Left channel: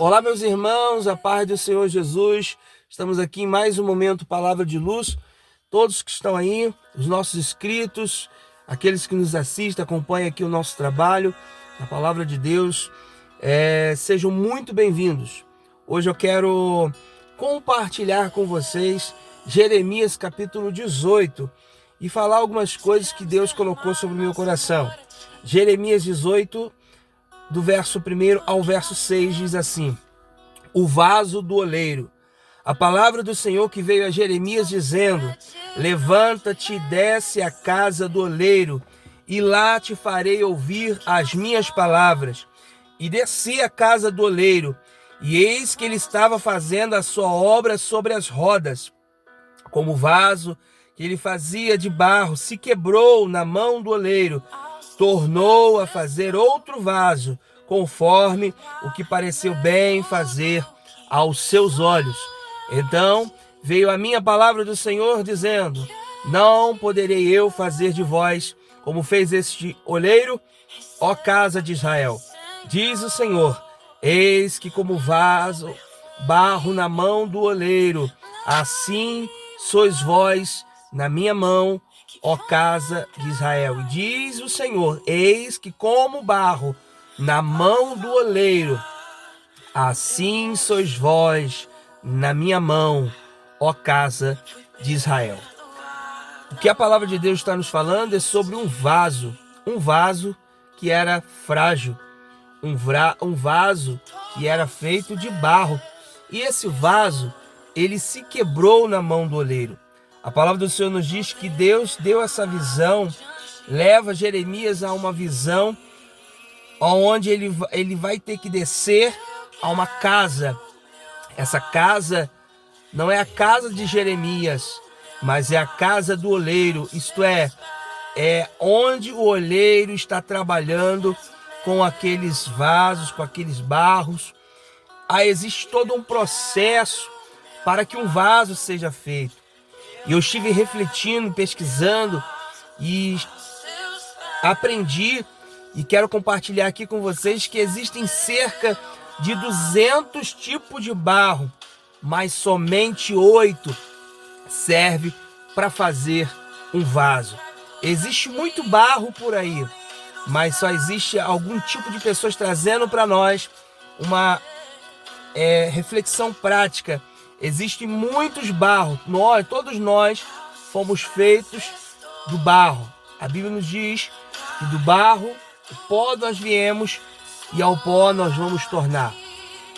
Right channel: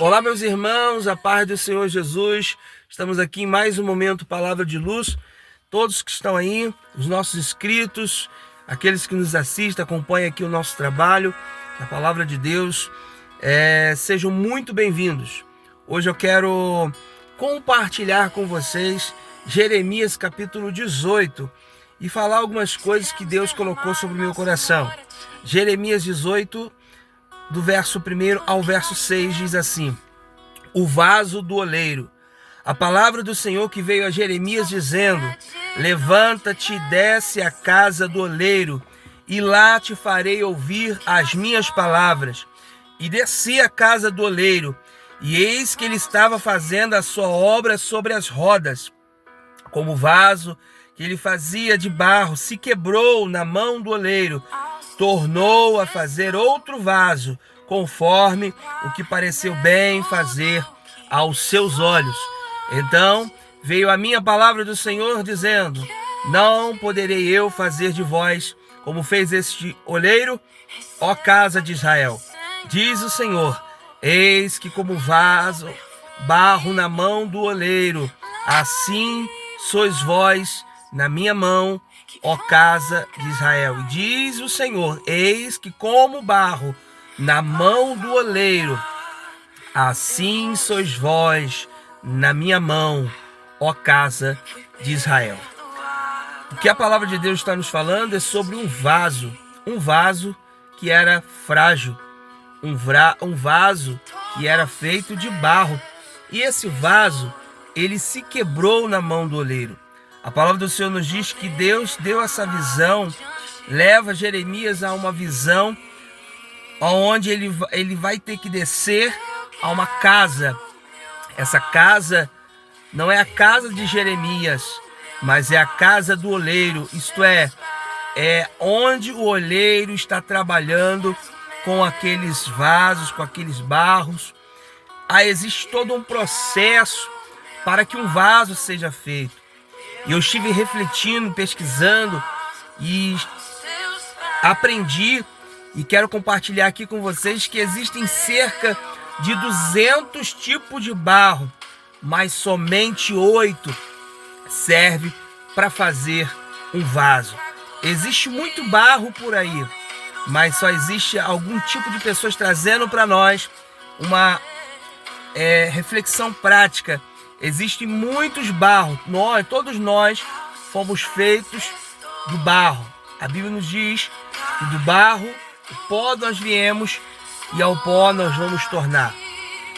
Olá, meus irmãos, a paz do Senhor Jesus. Estamos aqui em mais um momento Palavra de Luz. Todos que estão aí, os nossos inscritos, aqueles que nos assistem, acompanham aqui o nosso trabalho, a Palavra de Deus, sejam muito bem-vindos. Hoje eu quero compartilhar com vocês Jeremias capítulo 18 e falar algumas coisas que Deus colocou sobre o meu coração. Jeremias 18, do verso 1 ao verso 6, diz assim: o vaso do oleiro. A palavra do Senhor que veio a Jeremias dizendo: levanta-te e desce à casa do oleiro, e lá te farei ouvir as minhas palavras. E desci à casa do oleiro, e eis que ele estava fazendo a sua obra sobre as rodas. Como o vaso que ele fazia de barro se quebrou na mão do oleiro, tornou a fazer outro vaso, conforme o que pareceu bem fazer aos seus olhos. Então veio a minha palavra do Senhor, dizendo: não poderei eu fazer de vós como fez este oleiro, ó casa de Israel. Diz o Senhor: eis que como vaso, barro na mão do oleiro, assim sois vós na minha mão, ó casa de Israel. E diz o Senhor: eis que como barro na mão do oleiro, assim sois vós na minha mão, ó casa de Israel. O que a palavra de Deus está nos falando é sobre um vaso que era frágil, um vaso que era feito de barro. E esse vaso, ele se quebrou na mão do oleiro. A palavra do Senhor nos diz que Deus deu essa visão, leva Jeremias a uma visão onde ele vai ter que descer a uma casa. Essa casa não é a casa de Jeremias, mas é a casa do oleiro, isto é onde o oleiro está trabalhando com aqueles vasos, com aqueles barros. Existe todo um processo para que um vaso seja feito. E eu estive refletindo, pesquisando e aprendi e quero compartilhar aqui com vocês que existem cerca de 200 tipos de barro, mas somente 8 serve para fazer um vaso. Existe muito barro por aí, mas só existe algum tipo de pessoas trazendo para nós uma reflexão prática. Existem muitos barros, todos nós fomos feitos do barro. A Bíblia nos diz que do barro, o pó nós viemos e ao pó nós vamos tornar.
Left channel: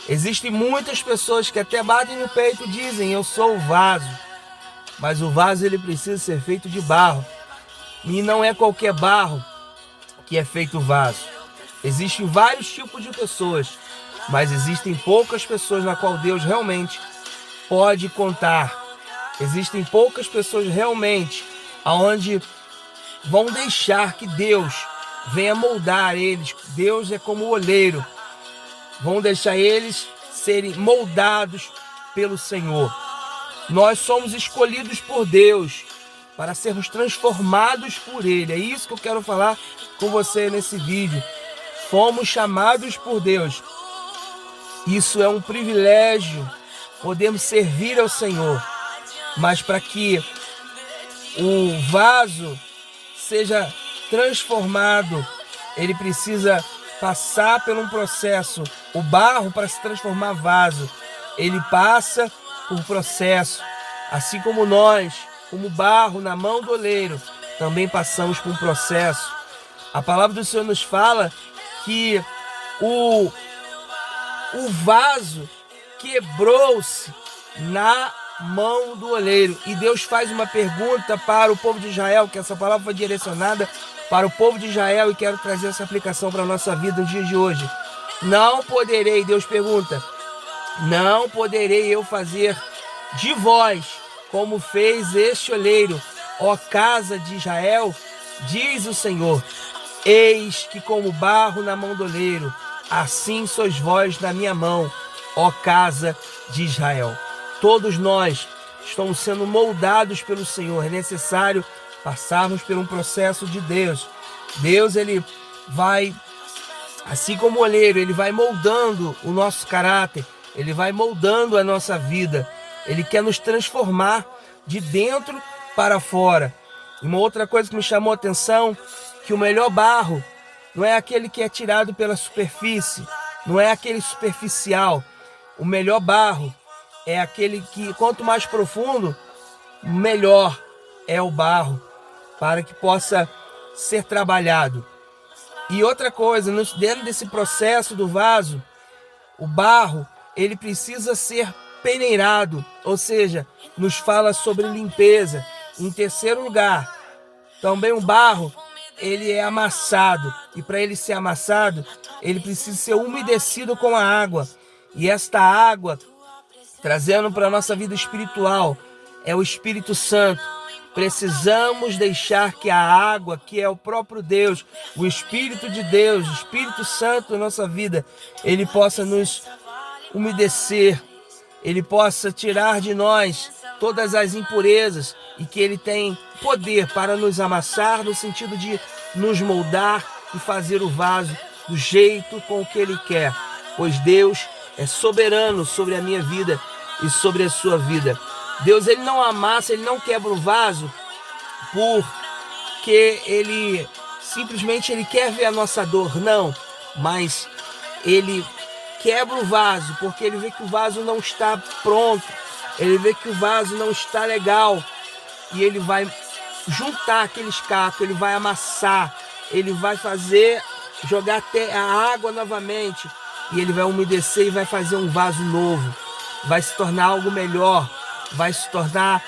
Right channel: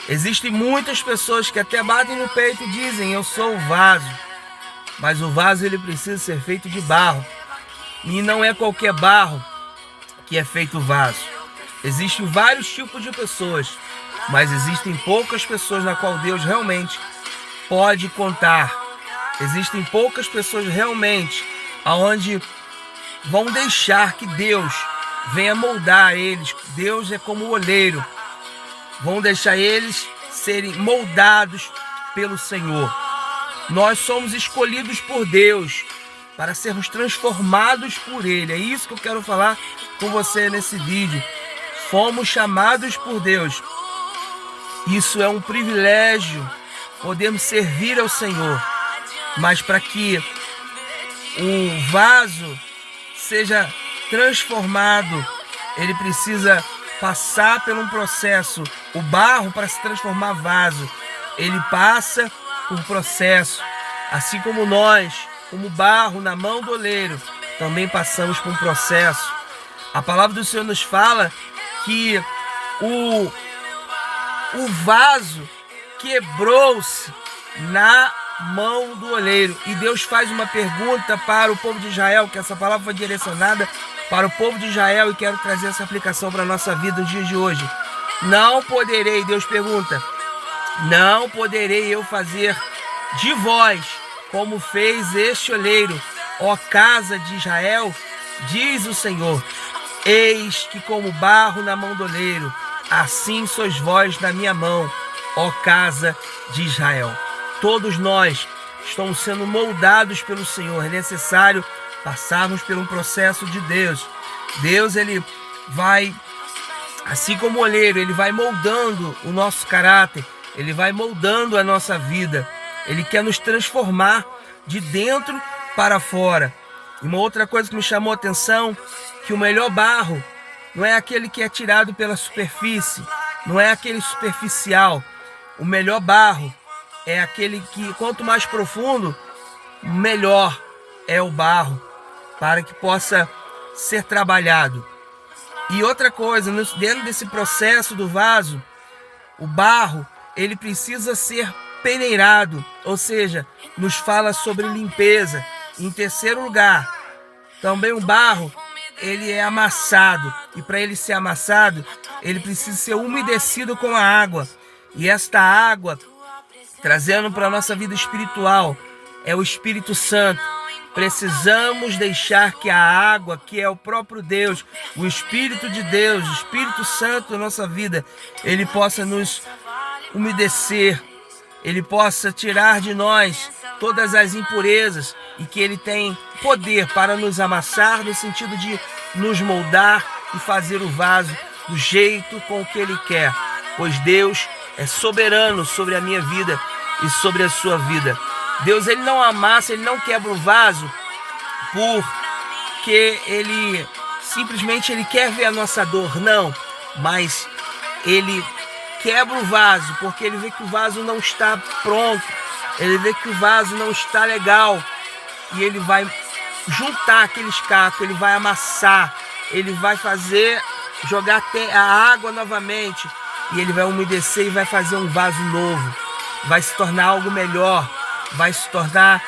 Existem muitas pessoas que até batem no peito e dizem: eu sou o vaso. Mas o vaso ele precisa ser feito de barro. E não é qualquer barro que é feito o vaso. Existem vários tipos de pessoas, mas existem poucas pessoas na qual Deus realmente pode contar. Existem poucas pessoas realmente aonde vão deixar que Deus venha moldar eles. Deus é como o oleiro. Vão deixar eles serem moldados pelo Senhor. Nós somos escolhidos por Deus para sermos transformados por Ele. É isso que eu quero falar com você nesse vídeo. Fomos chamados por Deus. Isso é um privilégio. Podemos servir ao Senhor. Mas para que o vaso seja transformado, ele precisa passar por um processo. O barro, para se transformar vaso, ele passa por um processo. Assim como nós, como barro na mão do oleiro, também passamos por um processo. A palavra do Senhor nos fala que o vaso quebrou-se na mão do oleiro. E Deus faz uma pergunta para o povo de Israel, que essa palavra foi direcionada para o povo de Israel, e quero trazer essa aplicação para a nossa vida no dia de hoje. Não poderei, Deus pergunta, não poderei eu fazer de vós como fez este oleiro, ó casa de Israel? Diz o Senhor: eis que como barro na mão do oleiro, assim sois vós na minha mão, ó casa de Israel. Todos nós estamos sendo moldados pelo Senhor. É necessário passarmos por um processo de Deus. Deus, ele vai Assim como o olheiro, ele vai moldando o nosso caráter, ele vai moldando a nossa vida. Ele quer nos transformar de dentro para fora. E uma outra coisa que me chamou a atenção, que o melhor barro não é aquele que é tirado pela superfície, não é aquele superficial. O melhor barro é aquele que, quanto mais profundo, melhor é o barro, para que possa ser trabalhado. E outra coisa, dentro desse processo do vaso, o barro, ele precisa ser peneirado, ou seja, nos fala sobre limpeza. Em terceiro lugar, também o barro, ele é amassado, e para ele ser amassado, ele precisa ser umedecido com a água. E esta água, trazendo para a nossa vida espiritual, é o Espírito Santo. Precisamos deixar que a água, que é o próprio Deus, o Espírito de Deus, o Espírito Santo da nossa vida, ele possa nos umedecer, ele possa tirar de nós todas as impurezas e que ele tem poder para nos amassar, no sentido de nos moldar e fazer o vaso do jeito com que ele quer, pois Deus é soberano sobre a minha vida e sobre a sua vida. Deus, ele não amassa, ele não quebra o vaso porque ele simplesmente ele quer ver a nossa dor, não, mas ele quebra o vaso porque ele vê que o vaso não está pronto, ele vê que o vaso não está legal, e ele vai juntar aqueles cacos, ele vai amassar, ele vai fazer, jogar até a água novamente, e ele vai umedecer e vai fazer um vaso novo, vai se tornar algo melhor, vai se tornar